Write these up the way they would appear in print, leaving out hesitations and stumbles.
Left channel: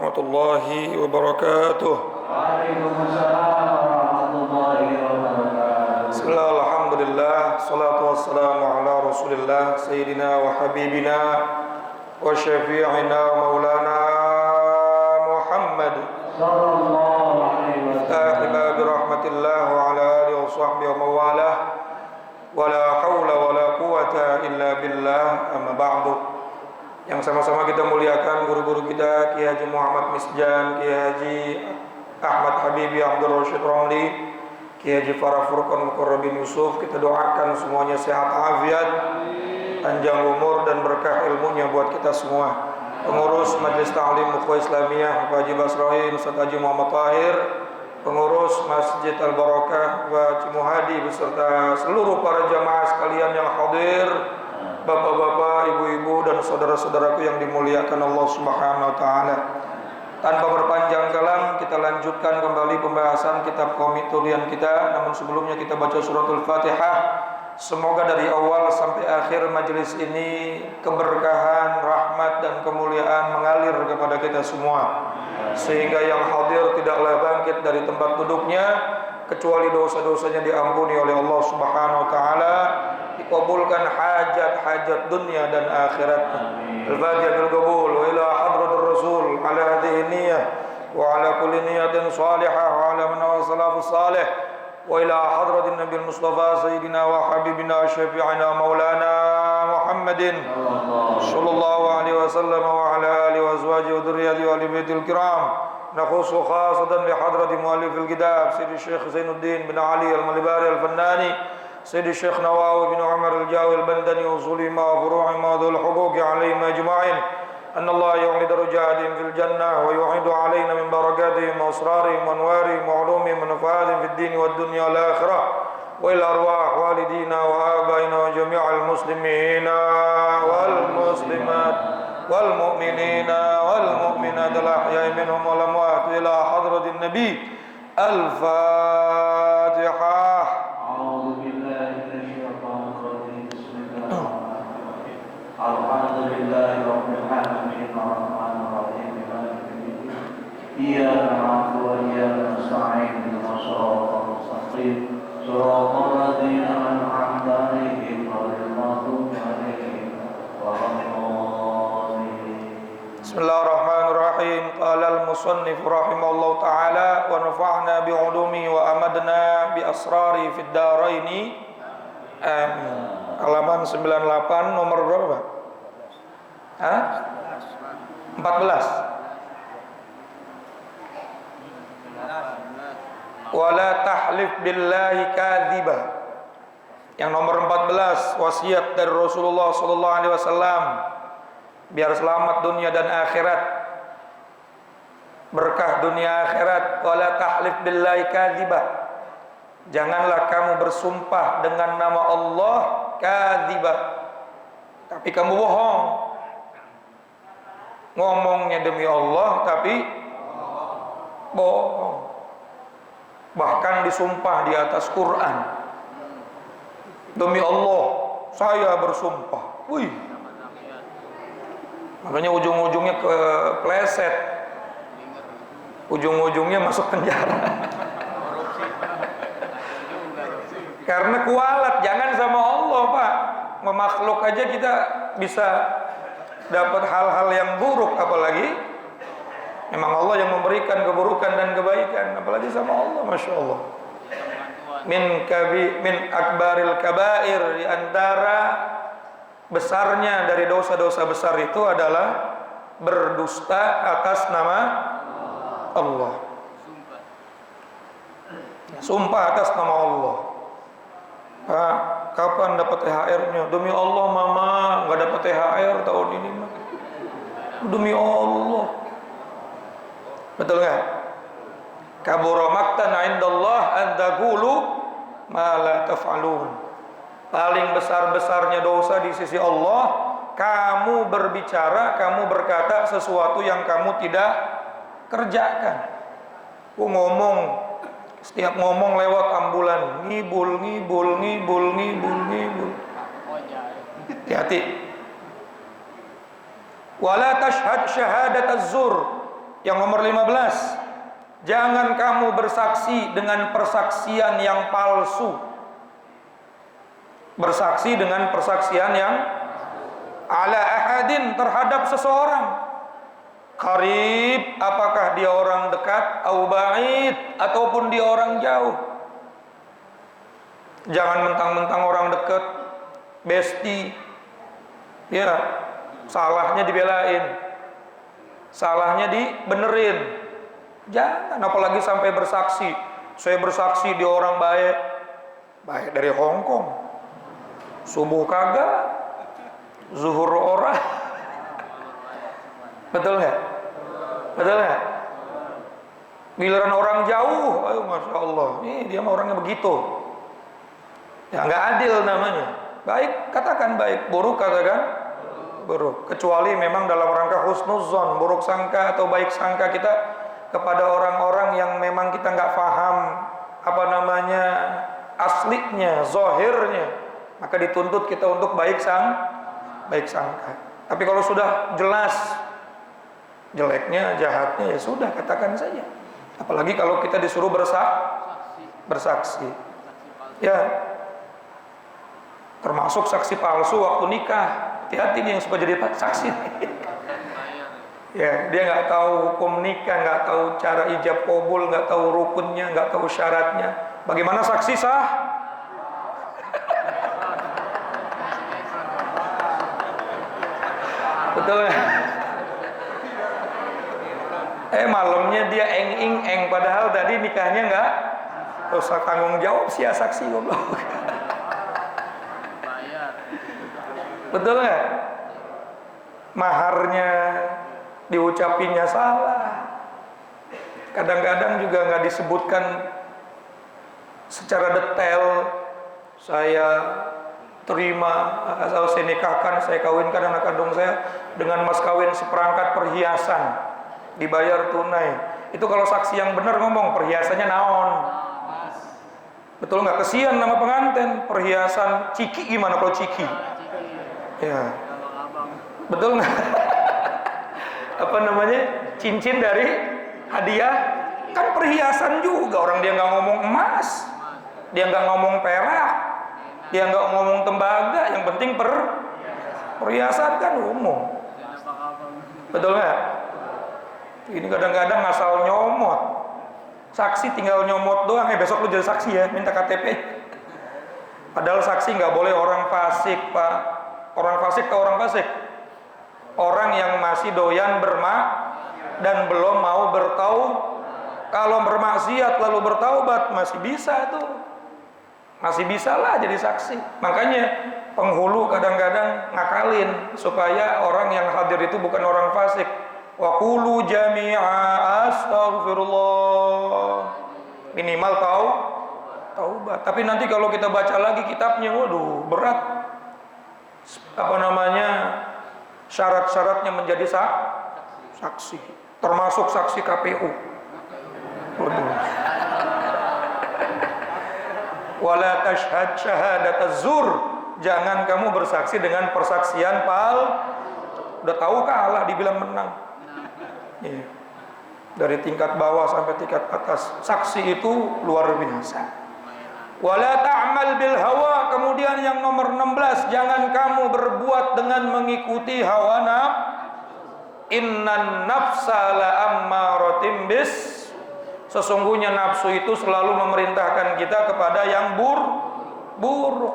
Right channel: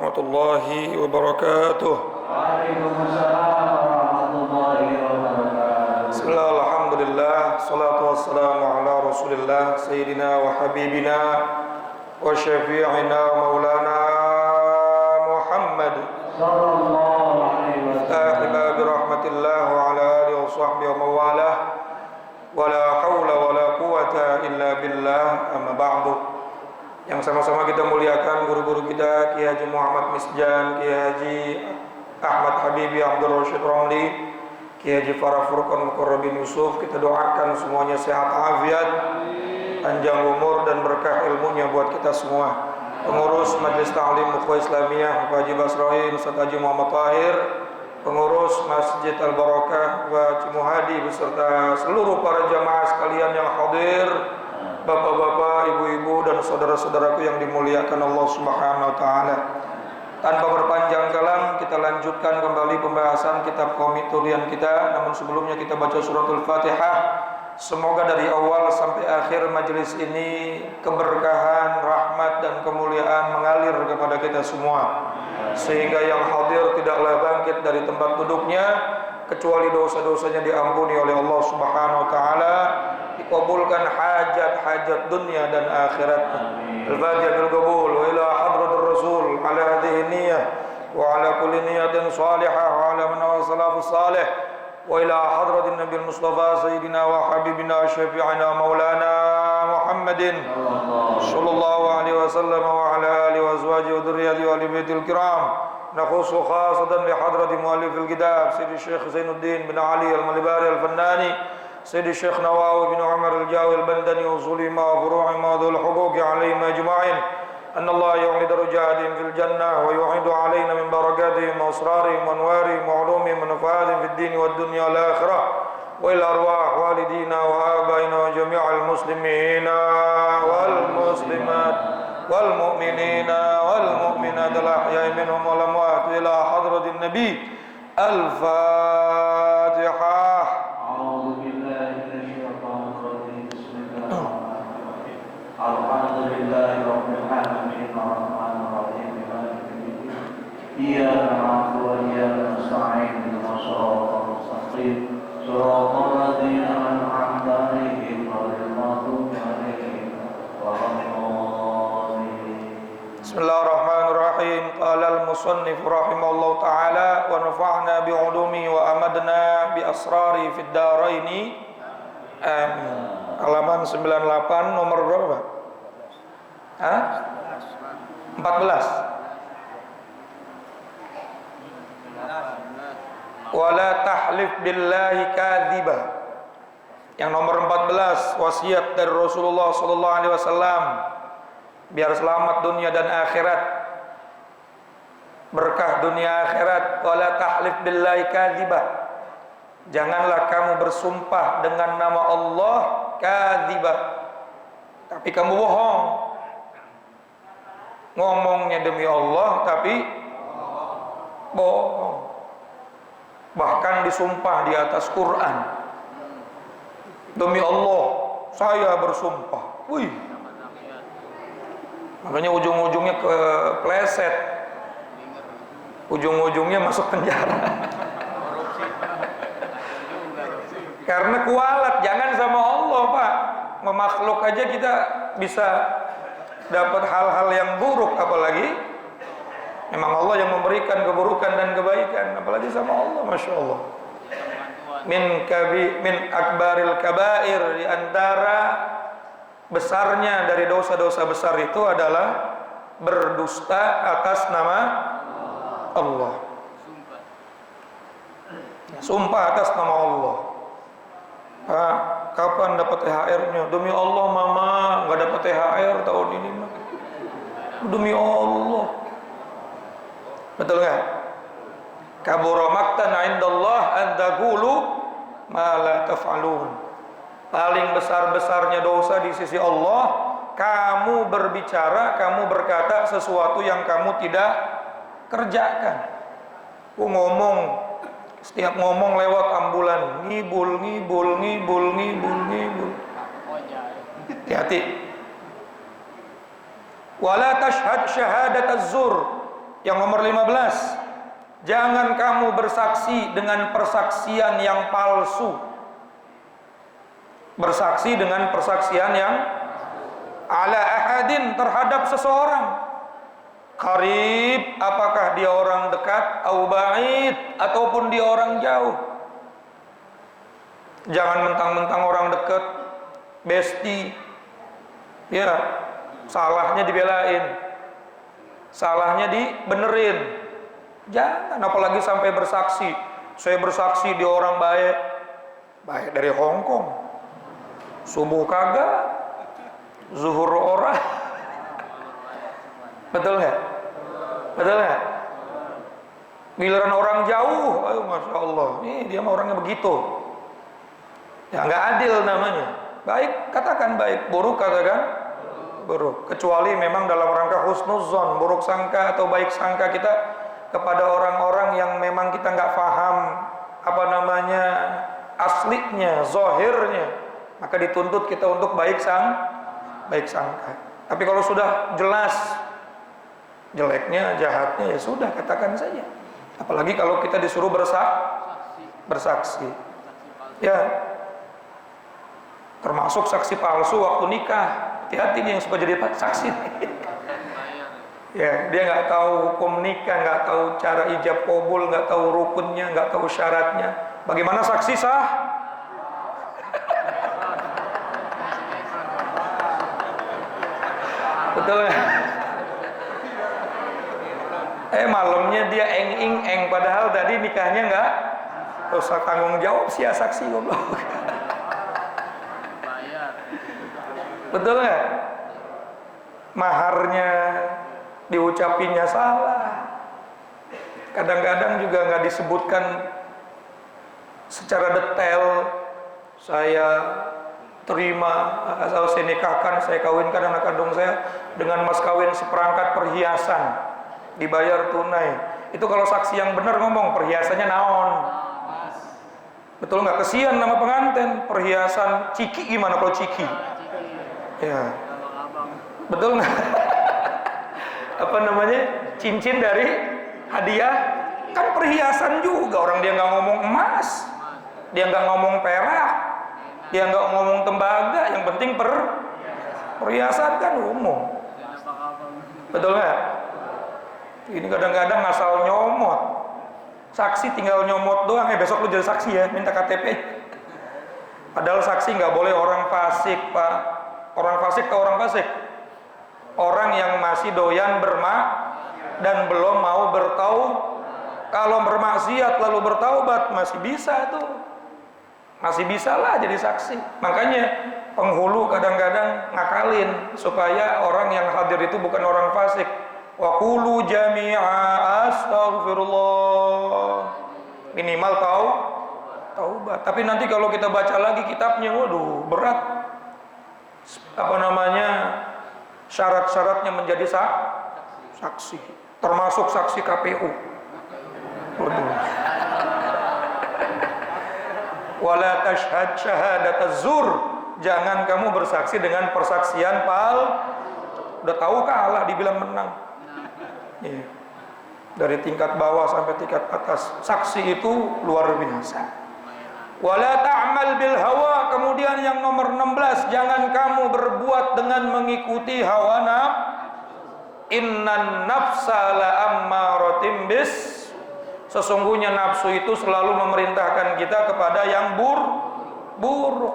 warahmatullahi wabarakatuh. Waalaikumsalam warahmatullahi wabarakatuh. Bismillah, alhamdulillah, salatu wassalamu ala rasulillah Sayyidina wa habibina wa syafi'ina maulana Muhammad Sallallahu alaihi wasallam. Ahibah birahmatillah wa ala alihi wa sahbihi wa mawalah wa la hawla wa la quwata illa billah, amma ba'du. Yang sama-sama kita muliakan guru-guru kita, Kiai Haji Muhammad Misjan, Kiai Haji Ahmad Habibi Abdul Rashid Ramli, Kiai Haji Farah Furqan Mukarrabin Yusuf. Kita doakan semuanya sehat afiat, panjang umur dan berkah ilmunya buat kita semua. Pengurus Majelis Ta'lim Ukhuwah Islamiyah Pak Haji Basroin, Ustaz Haji Muhammad Tahir, pengurus Masjid Al-Barakah Pak Cimuhadi beserta seluruh para jamaah sekalian yang hadir, bapak-bapak, ibu-ibu dan saudara-saudaraku yang dimuliakan Allah Subhanahu wa taala. Tanpa berpanjang kalam, kita lanjutkan kembali pembahasan kitab Qomitulian kita. Namun sebelumnya kita baca suratul Fatihah. Semoga dari awal sampai akhir majelis ini keberkahan, rahmat dan kemuliaan mengalir kepada kita semua, sehingga yang hadir tidaklah bangkit dari tempat duduknya kecuali dosa-dosanya diampuni oleh Allah Subhanahu wa taala, dikabulkan hajat-hajat dunia dan akhirat. Al-Fatihah bil qabul wa ila hadratir rasul ala hadhihi niyyah wa ala kulli niyatin salihah wa ala man salafus salih wa ila hadratin nabiyil mustafa sayyidina wa habibina syafi'ina maulana Muhammadin sallallahu alaihi wasallam wa ala alihi wa azwajihi wa dhurriyyatihi wa ali baitil kiram. نخص خاصة لحضرة مؤلف الكتاب سيد الشيخ زين الدين بن علي الملباري الفناني، سيد الشيخ نواوي بن عمر الجاوي البندني، وصولهما وفروعهما وذو الحقوق عليهم أجمعين، أن الله يعلي درجاتهم في الجنة ويعيد علينا من بركاتهم وأسرارهم وأنوارهم وعلومهم ونفعاتهم في الدين والدنيا والآخرة، وإلى أرواح والدينا وآبائنا وجميع المسلمين والمسلمات والمؤمنين والمؤمنات الأحياء منهم والأموات إلى حضرة النبي. الفاتحة. أعوذ بالله من الشيطان الرجيم. بسم الله الرحمن الرحيم. الحمد لله رب العالمين الرحمن الرحيم مالك يوم الدين. إياك نعبد وإياك نستعين اهدنا الصراط المستقيم صراط الذين أنعمت عليهم غير المغضوب عليهم ولا الضالين. Bismillahirrahmanirrahim. Qala al-musannif rahimahullah ta'ala wa nafa'na bi'ulumi wa amadna bi asrari fid daraini. Amin. Halaman 98 nomor berapa? Hah? 14. Wala tahlif billahi kadhiba. Yang nomor 14, wasiat dari Rasulullah sallallahu alaihi wasallam biar selamat dunia dan akhirat, berkah dunia akhirat. Wala tahlif billahi kadhiba, janganlah kamu bersumpah dengan nama Allah kadhiba, tapi kamu bohong. Ngomongnya demi Allah tapi bohong. Bahkan disumpah di atas Quran, demi Allah saya bersumpah. Wih, makanya ujung-ujungnya kepleset, ujung-ujungnya masuk penjara. Karena kualat. Jangan sama Allah, Pak. Memakhluk aja kita bisa dapat hal-hal yang buruk, apalagi memang Allah yang memberikan keburukan dan kebaikan, apalagi sama Allah. Masya Allah. Min akbaril kabair, di antara besarnya dari dosa-dosa besar itu adalah berdusta atas nama Allah. Sumpah atas nama Allah. Pak, kapan dapat THR-nya? Demi Allah mama nggak dapat THR tahun ini mah. Demi Allah. Betul nggak? Kabura maqtan 'indallah an taqulu ma la taf'alun. Paling besar-besarnya dosa di sisi Allah, kamu berbicara, kamu berkata sesuatu yang kamu tidak kerjakan. Setiap ngomong lewat ambulan, ngibul. Hati-hati. Wala tashhad syahadat az-zur, Yang nomor 15, jangan kamu bersaksi dengan persaksian yang palsu. Bersaksi dengan persaksian yang ala ahadin, terhadap seseorang. Qarib, apakah dia orang dekat, au ba'id, ataupun dia orang jauh. Jangan mentang-mentang orang dekat, besti, ya, salahnya dibelain, salahnya dibenerin. Jangan, apalagi sampai bersaksi. Saya bersaksi dia orang baik. Baik dari Hong Kong. Subuh kagak, zuhur orang. Betul nggak? Betul nggak? Giliran orang jauh, ayo masya Allah, ini dia mah orangnya begitu. Ya nggak adil namanya. Baik katakan baik, buruk katakan buruk. Kecuali memang dalam rangka husnuzon, buruk sangka atau baik sangka kita kepada orang-orang yang memang kita nggak paham apa namanya aslinya, zahirnya, maka dituntut kita untuk baik sangka. Tapi kalau sudah jelas jeleknya, jahatnya, ya sudah katakan saja. Apalagi kalau kita disuruh bersaksi. Ya, termasuk saksi palsu waktu nikah. Hati-hati nih yang suka jadi saksi. Ya, dia nggak tahu hukum nikah, nggak tahu cara ijab qabul, nggak tahu rukunnya, nggak tahu syaratnya. Bagaimana saksi sah? Betul ya? Malamnya dia eng-ing-eng, padahal tadi nikahnya nggak usah tanggung jawab sih ya saksi goblok. Betul nggak? Maharnya diucapinya salah. Kadang-kadang juga nggak disebutkan secara detail. Saya terima atau saya nikahkan, saya kawinkan anak kandung saya dengan mas kawin seperangkat perhiasan, dibayar tunai. Itu kalau saksi yang benar ngomong perhiasannya naon. Betul nggak? Kesian nama pengantin, perhiasan ciki gimana kalau ciki? Ya, betul nggak? Apa namanya? Cincin dari hadiah kan perhiasan juga. Orang dia nggak ngomong emas, dia nggak ngomong perak, dia nggak ngomong tembaga. Yang penting perhiasan kan umum. Betul nggak? Ini kadang-kadang asal nyomot. Saksi tinggal nyomot doang. Besok lu jadi saksi ya, minta KTP. Padahal saksi nggak boleh orang fasik, Pak. Orang fasik atau orang fasik? Orang yang masih doyan dan belum mau Kalau bermaksiat lalu bertaubat masih bisa tuh. Masih bisa lah jadi saksi. Makanya penghulu kadang-kadang ngakalin supaya orang yang hadir itu bukan orang fasik. Wa qulu jami'a astaghfirullah. Minimal taubat. Tapi nanti kalau kita baca lagi kitabnya, waduh, berat. Apa namanya? Syarat-syaratnya menjadi saksi. Termasuk saksi KPU. Waduh. Wala tashhad syahadataz zur. Jangan kamu bersaksi dengan persaksian udah tahu kalah dibilang menang. Iya. Dari tingkat bawah sampai tingkat atas, saksi itu luar biasa. Wala ta'mal bil hawa. Kemudian yang nomor 16, jangan kamu berbuat dengan mengikuti hawa nafsu. Innan nafsa la ammaratim bis. Sesungguhnya nafsu itu selalu memerintahkan kita kepada yang buruk.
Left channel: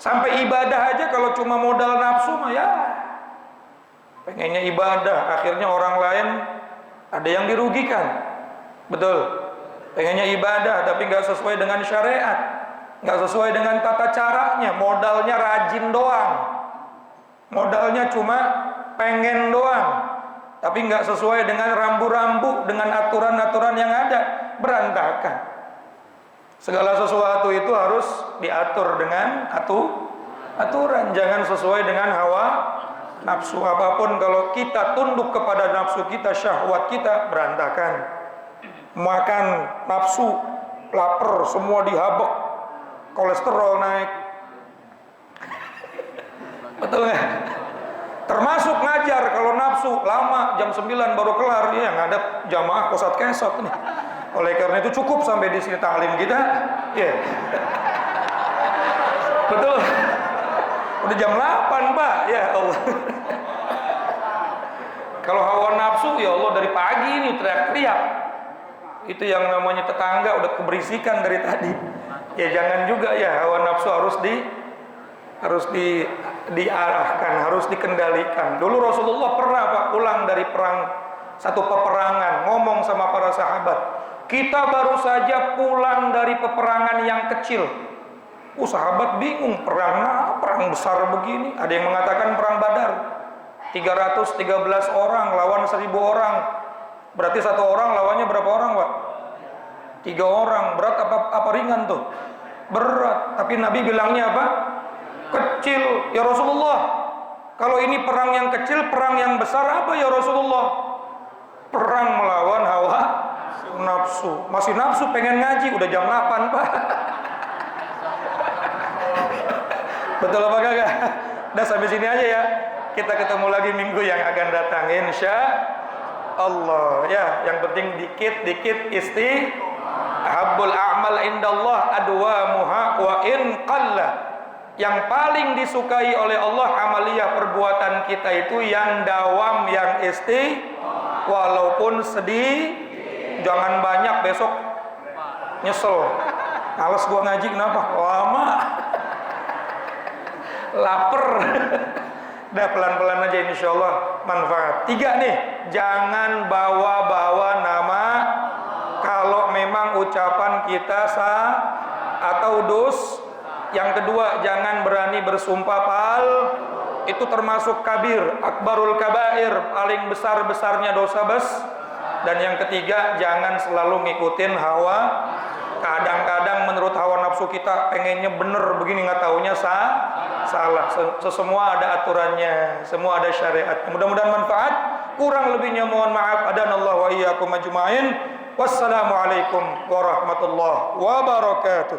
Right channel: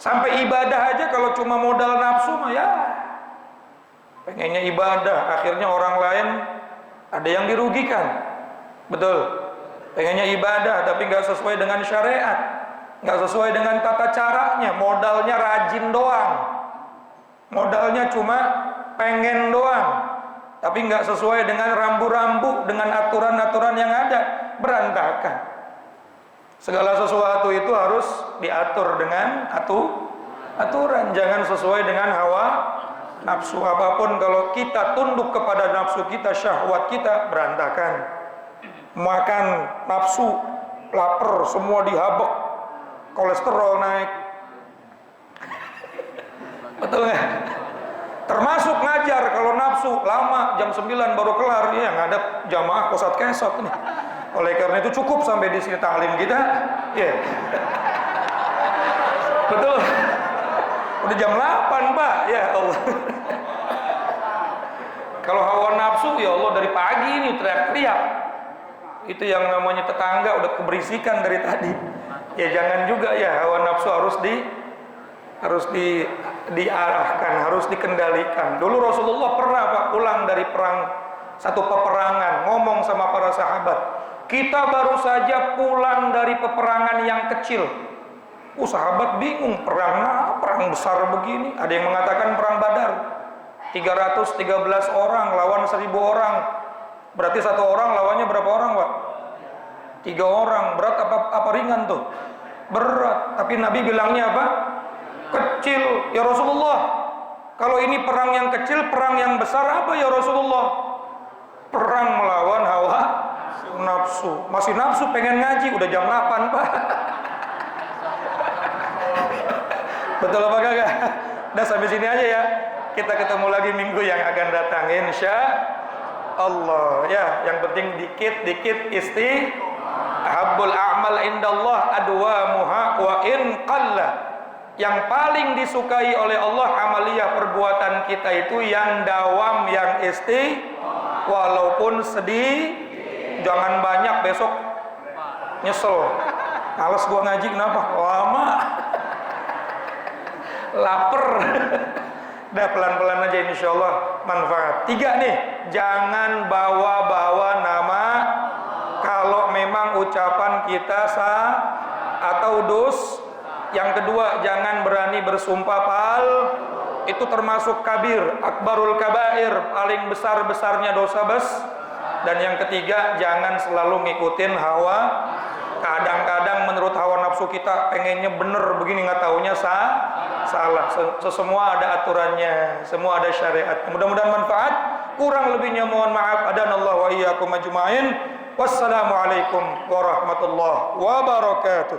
Sampai ibadah aja kalau cuma modal nafsu mah ya pengennya ibadah, akhirnya orang lain ada yang dirugikan. Betul. Pengennya ibadah tapi nggak sesuai dengan syariat, nggak sesuai dengan tata caranya, modalnya rajin doang, modalnya cuma pengen doang, tapi nggak sesuai dengan rambu-rambu, dengan aturan-aturan yang ada, berantakan. Segala sesuatu itu harus diatur dengan aturan, jangan sesuai dengan hawa nafsu. Apapun kalau kita tunduk kepada nafsu kita, syahwat kita, berantakan. Makan nafsu, lapar, semua dihabek, kolesterol naik. Betul nggak? Termasuk ngajar, kalau nafsu lama jam 9 baru kelar, ya ngadap jamaah kosat kesot nih. Oleh karena itu cukup sampai di sini taklim kita, ya. Betul. Udah jam 8, Pak. Ya Allah. Kalau hawa nafsu, ya Allah, dari pagi ini teriak-teriak. Itu yang namanya tetangga udah keberisikan dari tadi. Ya jangan juga ya, hawa nafsu harus diarahkan, harus dikendalikan. Dulu Rasulullah pernah Pak pulang dari satu peperangan, ngomong sama para sahabat, kita baru saja pulang dari peperangan yang kecil. Sahabat bingung, perang besar begini. Ada yang mengatakan perang Badar, 313 orang lawan 1000 orang. Berarti satu orang lawannya berapa orang, Pak? 3 orang. Berat apa ringan tuh? Berat. Tapi Nabi bilangnya apa? Kecil. Ya Rasulullah, kalau ini perang yang kecil, perang yang besar apa ya Rasulullah? Perang melawan hawa nafsu. Masih nafsu pengen ngaji, udah jam 8, Pak. Betul apa kagak? Udah sampai sini aja ya. Kita ketemu lagi minggu yang akan datang, insya Allah. Ya, yang penting dikit-dikit habbul a'mal indallah adwamuha wa in qalla. Yang paling disukai oleh Allah amaliyah perbuatan kita itu yang dawam, yang walaupun sedih. Jangan banyak, besok nyesel. Males gua ngaji, kenapa? Lama. Laper. Dah pelan-pelan aja insyaallah manfaat. 3 nih, jangan bawa-bawa nama kalau memang ucapan kita sah atau dus. Yang kedua, jangan berani bersumpah itu termasuk kabir, akbarul kabair, paling besar-besarnya dosa Dan yang ketiga, jangan selalu ngikutin hawa. Kadang-kadang menurut hawa nafsu kita pengennya bener begini, nggak taunya salah. Semua ada aturannya, semua ada syariat. Mudah-mudahan manfaat. Kurang lebihnya mohon maaf. Adanallahu wa iyyakum ajmain. Wassalamualaikum warahmatullahi wabarakatuh.